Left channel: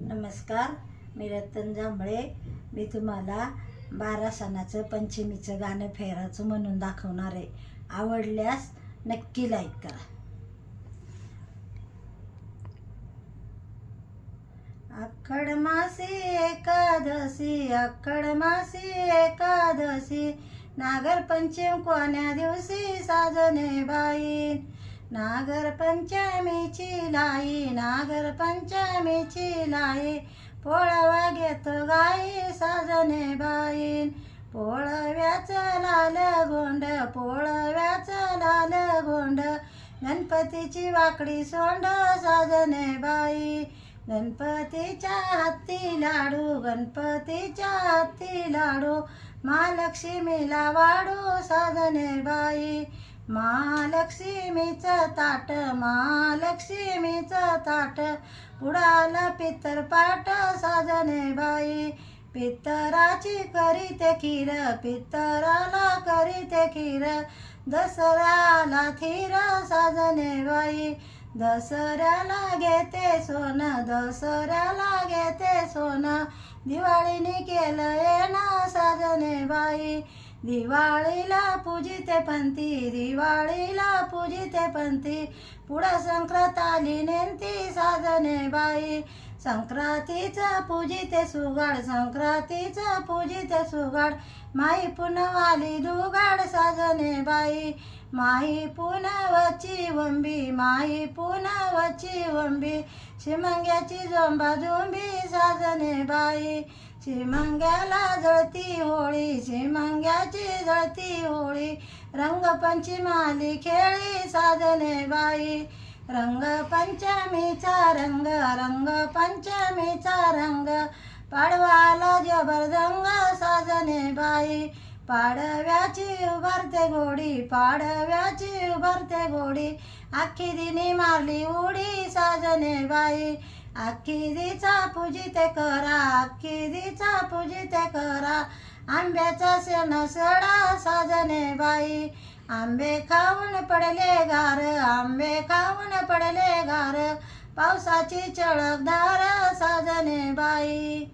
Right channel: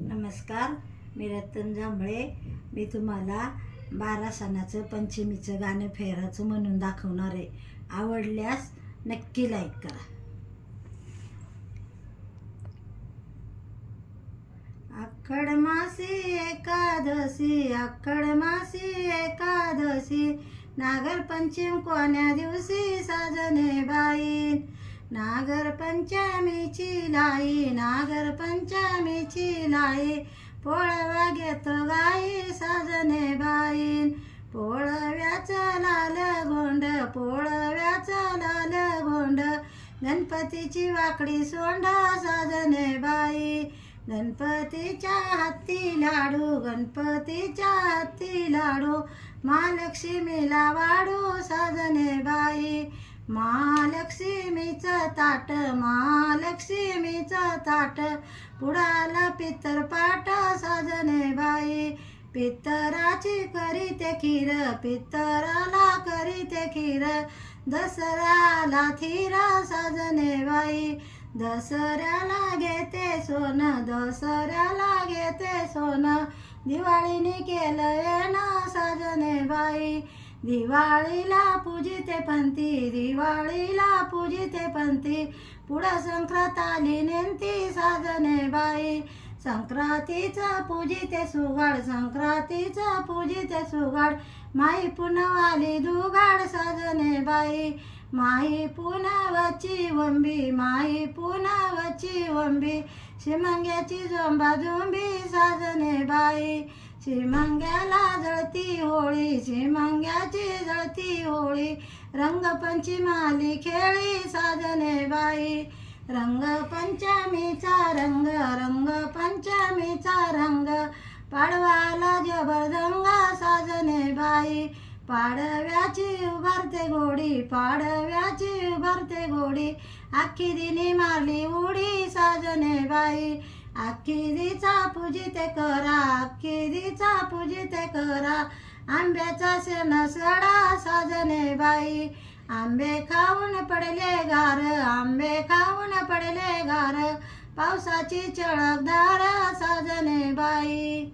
नमस्कार, मी रतन जांभळे. मी तुम्हाला 12 सणाचं पंचमीचं गाणं फेराचं म्हणून दाखवणार आहे. आवडल्यास नक्की लाईक करा. आषाढ मासी एकादशी, आषाढ मासी एकादशी, नागर पंचम कोण्या दिवशी साजने बाई. नागर पंचमीची लाई, नागर पंचमीची लाई, पोळवा घेतो गाई साजने बाई. पोळव्याचं लाल गोंड, पोळव्याचं लाल गोंड, गणपतीची वाकडी सोंड साजने बाई. गणपतीच्या हाती लाडू, गणपतीच्या हाती लाडू, महालक्ष्मीला वाढू साजने बाई. महालक्ष्मीचं ताट, महालक्ष्मीचं ताट, पुढाला पितरपाट साजने बाई. पितराची करीते खीर, पितराला करीते खीर, दसऱ्याला थीर साजने बाई. दसऱ्याला घेते सोनं, दसऱ्याला घेते सोनं, दिवाळीने केलं येणं साजने बाई. दिवाळीला पूजिते पंथी, दिवाळीला पूजिते पंथी, पुढं संक्रांत आली नेंती साजने बाई. संक्रांतीचं पूजिते सुगाड, संक्रांतीचं पूजिते सुगाड, माई पुनवाली दुगाड साजने बाई. माई पुनवची वंबी, माई पुनवची वंबी, शिमंग्याची जोंबा जोंबी साजने बाई. शिमंग्याला जळती होळी, शिमंग्याची जळती होळी, रंगपंचमाली खेळी साजने बाई. रंगपंचमीचा रंग, रंगपंचमीचा रंग, पाडवाला जबरदंग साजने बाई. पाडव्याची उभारते गोडी, पाडव्याची उभारते गोडी, आखी दिनी मारली उडी साजने बाई. आखी दिचा पूजिते करा, आखी दिचा पूजिते करा, आंब्याचा सण सडा साजने बाई. आंबे खाऊन पडले गार, आंबे खाऊन पडले गार, पावसाची चळकदार साजने बाई.